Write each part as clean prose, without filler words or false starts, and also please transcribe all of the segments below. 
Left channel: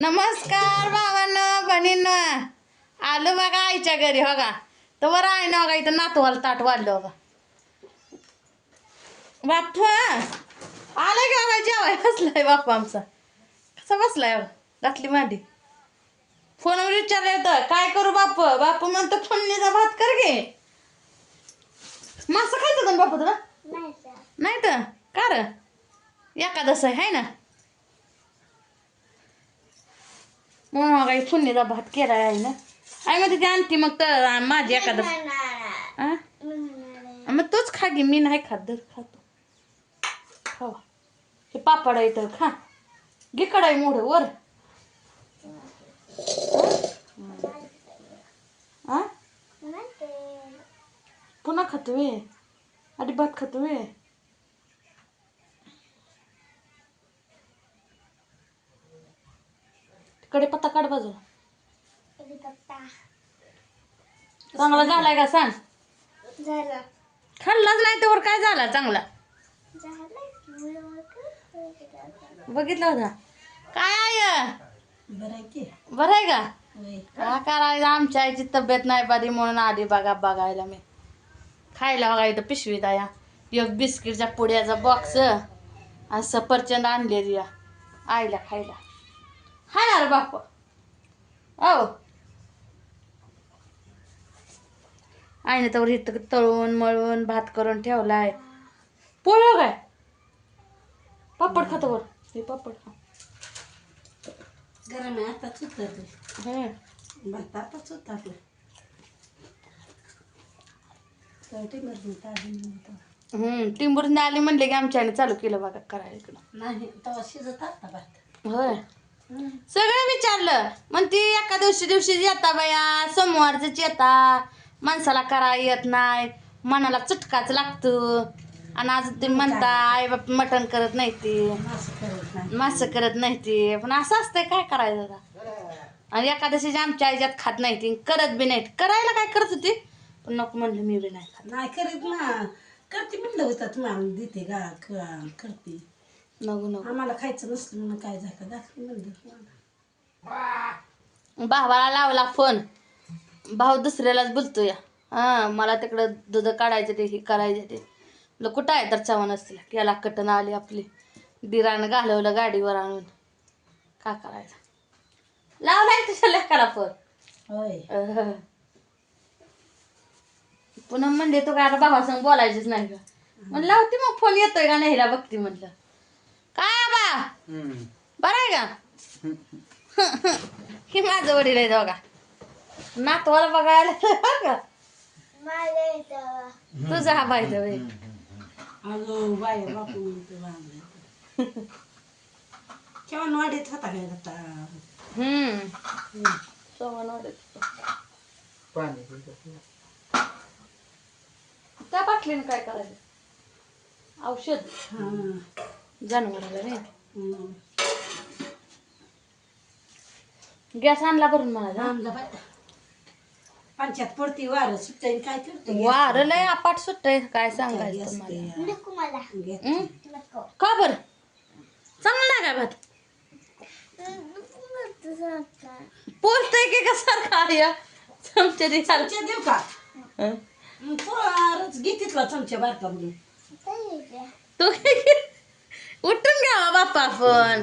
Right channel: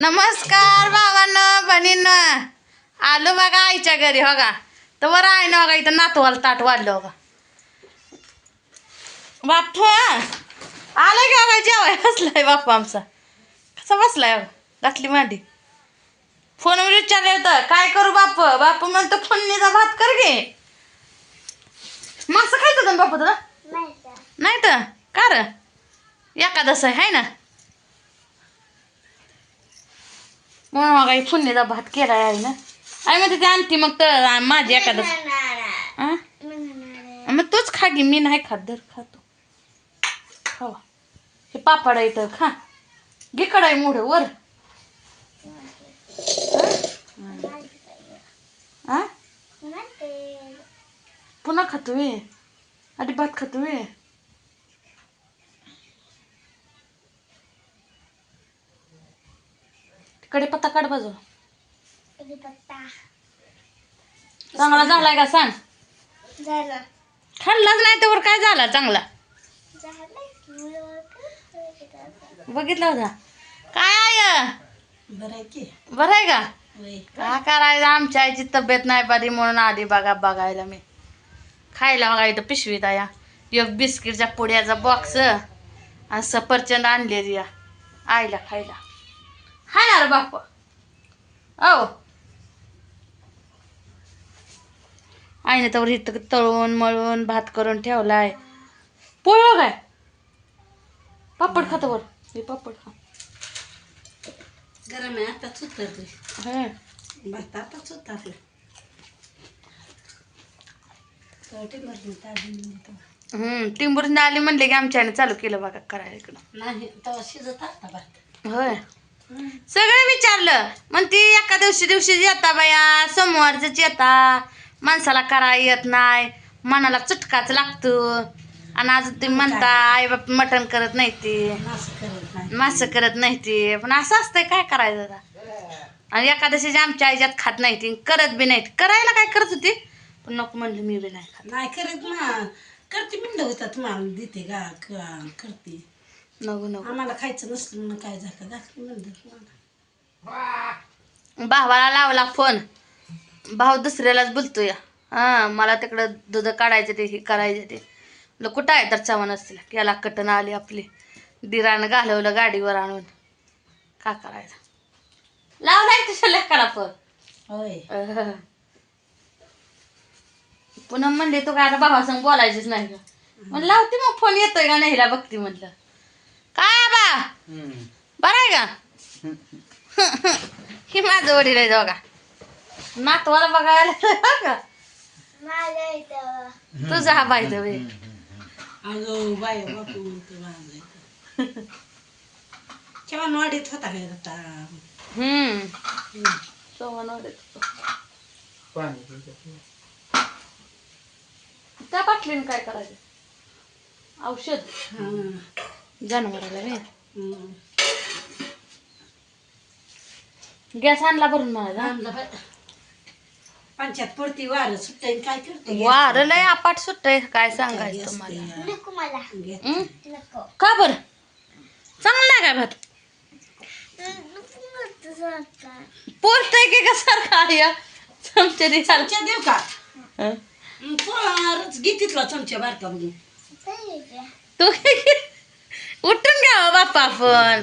नमस्कार बाबांनो बहिणींनो, आलो बघा आईच्या घरी. हो का तर आहे ना बघा, इथं नातवाला ताट वाढलं बघा. बाप आलं की बघा, जेवाय बसलाय बाप्पा आमचा. कसा बसलाय घातली मांडी. फोनवर विचारलं होतं काय करू बाप. बाप म्हणतो फोडणीचा भात कर गे. मासं खायचं होतं ना बापू तुला? नाही तर का र एकादस आहे ना म्हणून मग आई फोडणीचा भात केला आहे ना. आई म्हणते ती आणती मग तर माझी एकादस. मग तूच खा गी, मी नाही खात. धर खातो. हो हे पापड आहे तर खा. घे कढाई मोठ वर. पुन्हा खातो वे आधी भात खातो वे. कढीपत्ता काढ बाजू. चांगला झालाय का सांग. खाल्लाच नाही तर काय झाला चांगला बघितला होता काय आहे. बरं आहे का? का करायचं, आमच्या आईची तब्येत नाही बरी म्हणून आधी बघायला मी. खायला बघा इथं पिशवीत या एक बिस्किटच्या पुड्याचा बॉक्स आणि सफरचंद आणलेली या आईला खायला. हाय ना रे बाप. ओ आईने तर इथं तळून मळून भात करून ठेवलाय. पोळ काय पापड खातो वर. हे पापड खा. गरम आहे आताच उतरले. भात आताच उतरले. टिंबूर आली म्हणले की आमच्या आईने चालू केलं बघा करायला इकडं. नाही तेव्हा शिजत आता भात. होय सगळं विचारलं. मग ती एका दिवशी येता बाया, सोमवारच येता. माणसाला करा येत नाही, मनाला चटकाच लागतो. आणि अजून तुम्ही म्हणता आई बाप मटण करत नाही ती, मासं करत नाही ती. पण असं असतंय काय करायचं आता. आणि एकादशीची आमच्या आईच्यात खात नाही ती, करत बी नाही. करायला काय करत होती पण नको म्हणलं मी बी नाही खात. नाही करत ना, करते म्हणलं होता तुम्हाला देते का करते. नको नको आम्हाला खायचं नसलं म्हणून काय झालं दाखली म्हणलं. भावाला लावला फोन. भाऊ दुसऱ्यालाच बोलतो या. मला तिकडं दूध काढायचं ते हे करायचं ते. कुठं आहे तर चव्हाण असतील याला कटन आली आपली. दिरानं घालवलं गाडीवर आणून. का करायचं लावलाय तुझ्या लेकाला फोन. होय पुन्हा म्हणले तू काय आता भावासंग बोलायचीच नाही का. म्हणलं लावते मग फोन येतोय का नाही बघती म्हणलं. काय बा बरं आहे का. ही माझं वडील आहे बघा. नातवाला बघायला का तुझा हा बाई दे. अगं बाय बापू केव्हा वाढीत होता काय आता. त्या बाटलीने काय करायचं औषध जनावराला. गॅस आणला भरून मला. पंचायत पडती वार सुट्टाय काय करते. वार लय अपाट सुट्टय काय सांगायचं तुम्हाला. का बर चांगलं नाही काय भात. पोचतय की का सारखा या चमचे देऊ का पोळाच घेतीतला चमच्या बारका म्हणून. तू उठून घ्यावा बाप्पा आपण.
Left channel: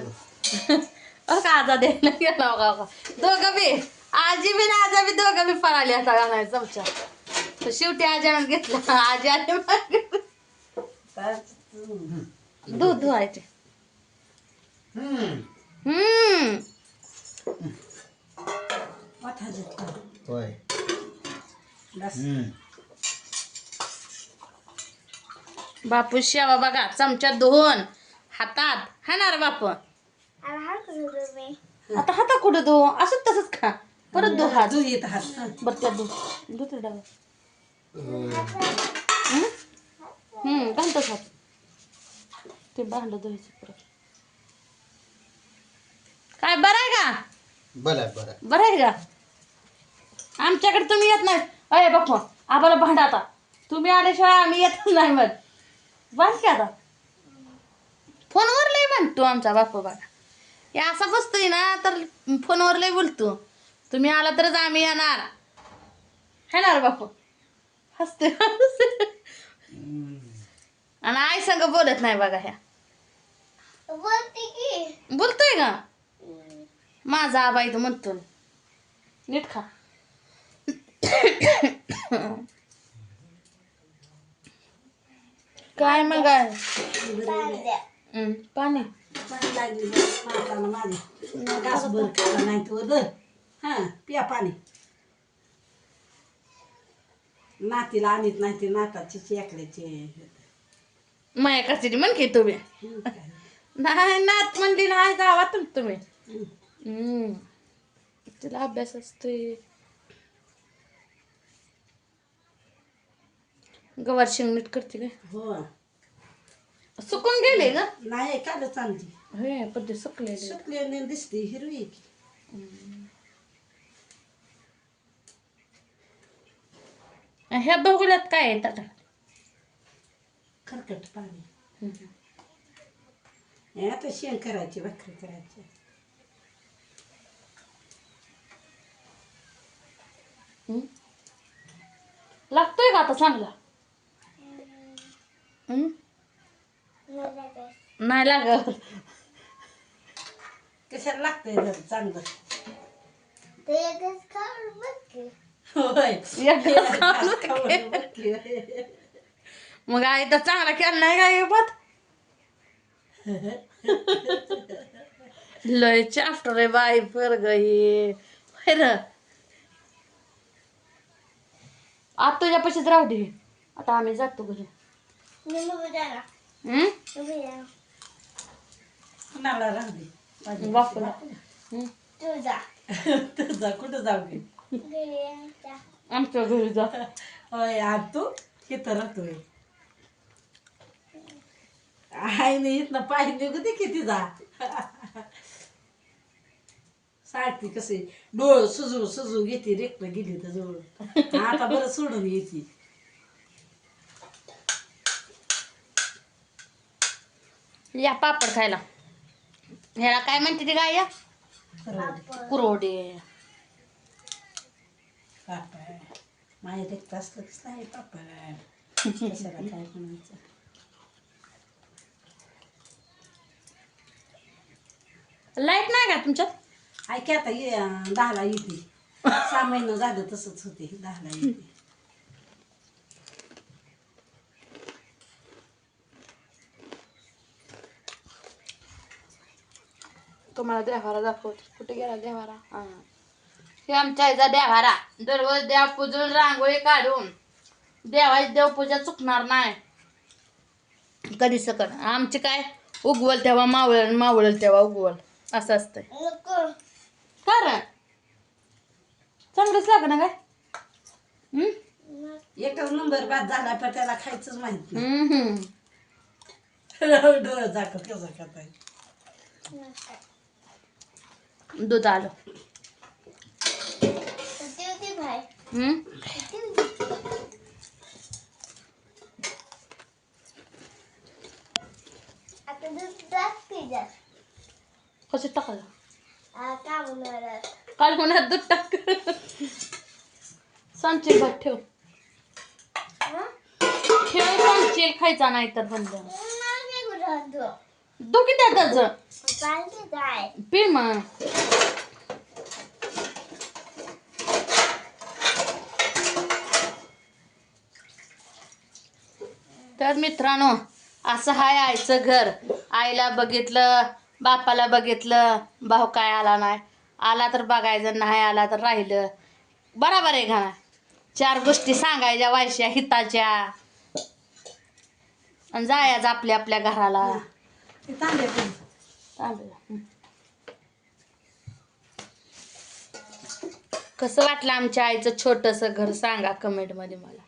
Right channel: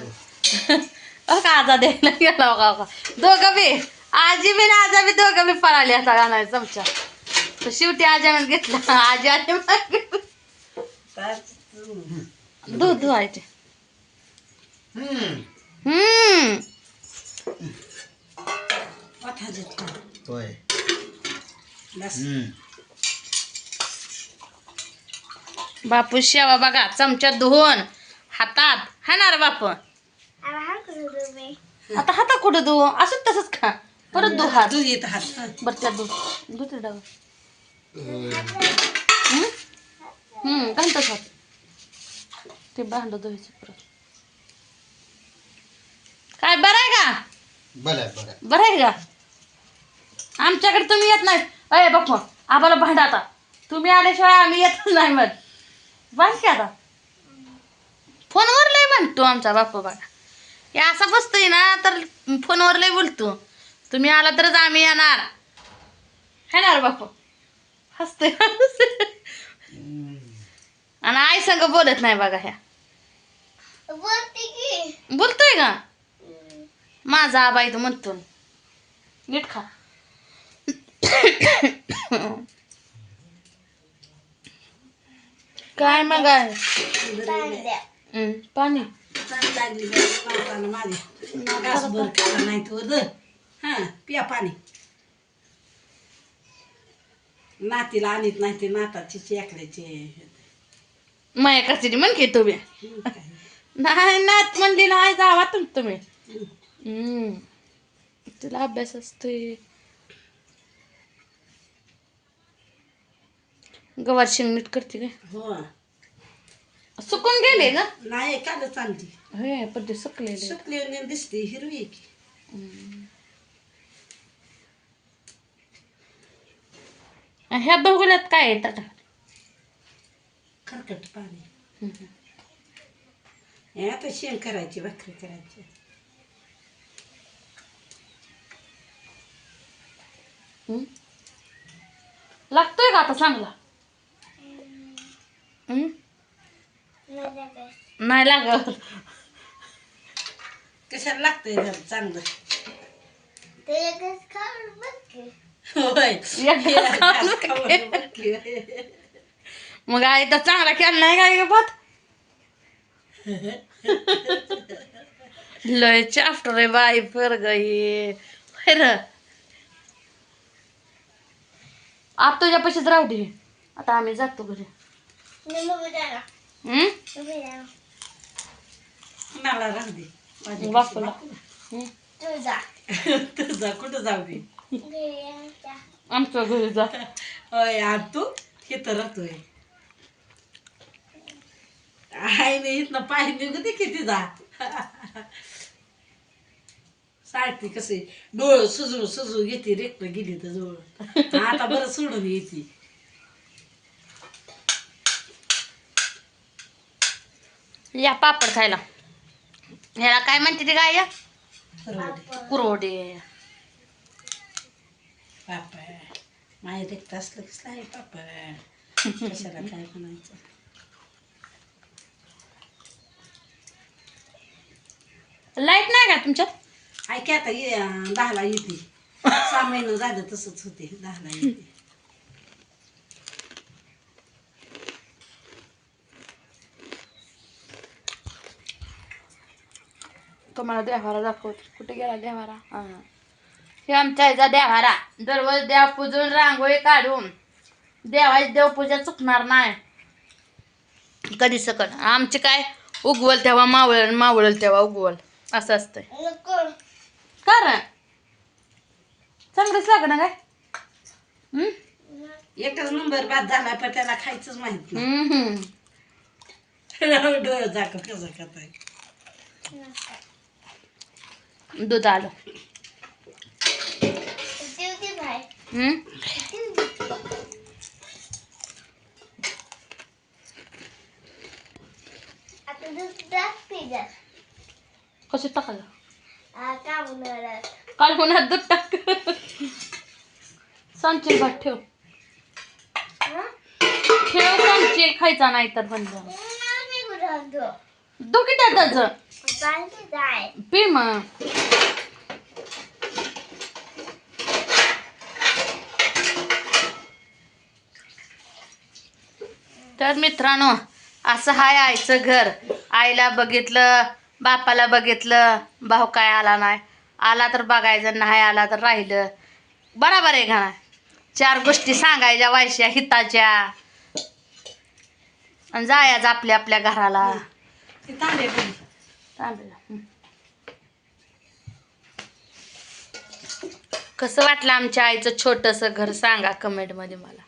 का आजा द्यायला गेला बघा दोघं बी आजी बी ना आजा बी दोघं बी पळाली आता गाणार चमचा. तर शेवटी आजानं घेतलं. आजी आजी दूध धुवायचे. बापू शेवा बघा चमचा धुवून हातात हाणार बापू. आता हातात कुठं धु असं तसंच खा. परत धु हात. दूध येत हात बरं त्या दुसरं डाव घालतोच हात. ते भांड धुवायचं परत. काय बरं आहे का. बरं आहे का. आमच्याकडे तुम्ही येत नाही. अय बाप्पा आम्हाला भांडा आता तुम्ही आल्याशिवाय आम्ही येतच नाही. मग बांध की आता फोनवर लय म्हणतो आमचा बाप्पा बघा. हे असा बसतोय ना तर फोनवर लय बोलतो. तुम्ही आला तरच आम्ही येणार. येणार बापू हसतोय आणि आई संग बोलत नाही बघा ह्या. बोलतोय का माझा आबा इथं म्हणतो नीट खा. काय मग आहे पाणी चांगली लागली नाताला माझी तासभर खाला नाही तो हा पिया पाणी. नातीला आणत नाही ते नाताची चेकड्याचे माया कशी म्हण की तुम्ही नाही नात म्हणली नाही जावा तुम्ही. तुला अभ्यास असतोय. गवार शेंग नीट करते काय हो सुकून गेले ग नाही कालच चालली होय पण ते सुकलेले सुकली दिसते हिरवी की. ह्या बघुल्यात काय आहे आता खरकट पाणी. हे आता शेण करायची भाकरी करायची. लागतोय का आता चांगला नाही लागत कशाला लागतंय घर चांगलं होय खाऊन बघ. मग आई तर चांगला केला नाही काय बात लय चाफ्टर रे बाई पर गई आता तुझ्या पैसेच राहू दे. आता आम्ही जातो घरी. मला राहू दे बापूला तुझा कुठं जाऊ दे आमच्या घरी जा. होय आज तू इथं राहतोय आईने इथनं पाय निघू दे किती जा साडती कसे डोळ सुजू घेते रेक्त गेली तर जवळ आता बरं सोडून येते. या पापड खायला. ह्याला काय म्हणते ते गाय कुरोडे. पापड माझ्या रेक्त असलं कसलं आहे पापड कशाला काय म्हणायचं. लाईट नाही का तुमच्यात. ऐक आता 10ला येते 6 महिने झालं तसंच होते 10ला येते. तुम्हाला देवारा दाखवते. कुठे गेला देवारा. हे आमच्या आईचा देवारा. दररोज देव पूजून रांगोळी काढून देवाची देवपूजा चुकणार नाही कधी सकट. आमचे काय उगवल तेव्हा मावळल तेव्हा उगवल असं असतंय. कारण चांगलंच लाग ना काय. एकच नंबर बाद झाला पण त्याला खायचंच माहित नाही. डोळं झाकत कसं खाताय. दूध आलं. कसं टाकायला काल होणार दूध टाक. सांगशील भात ठेव ठेव सांगशील खायचा नाही तर बंद दोघी त्याचं पी मग. तर मित्रांनो असं हाय आईचं घर. आईला बघितलं बापाला बघितलं भाऊ काय आला नाही. आला तर बघायचं नाही आला तर राहिलं. बरोबर आहे का. 4 गोष्टी सांगायच्या वायच्या हिताच्या आणि जायचं आपल्या आपल्या घराला. कसं वाटलं आमच्या आईचं छोटंसं घर सांगा कमेंटमध्ये मला.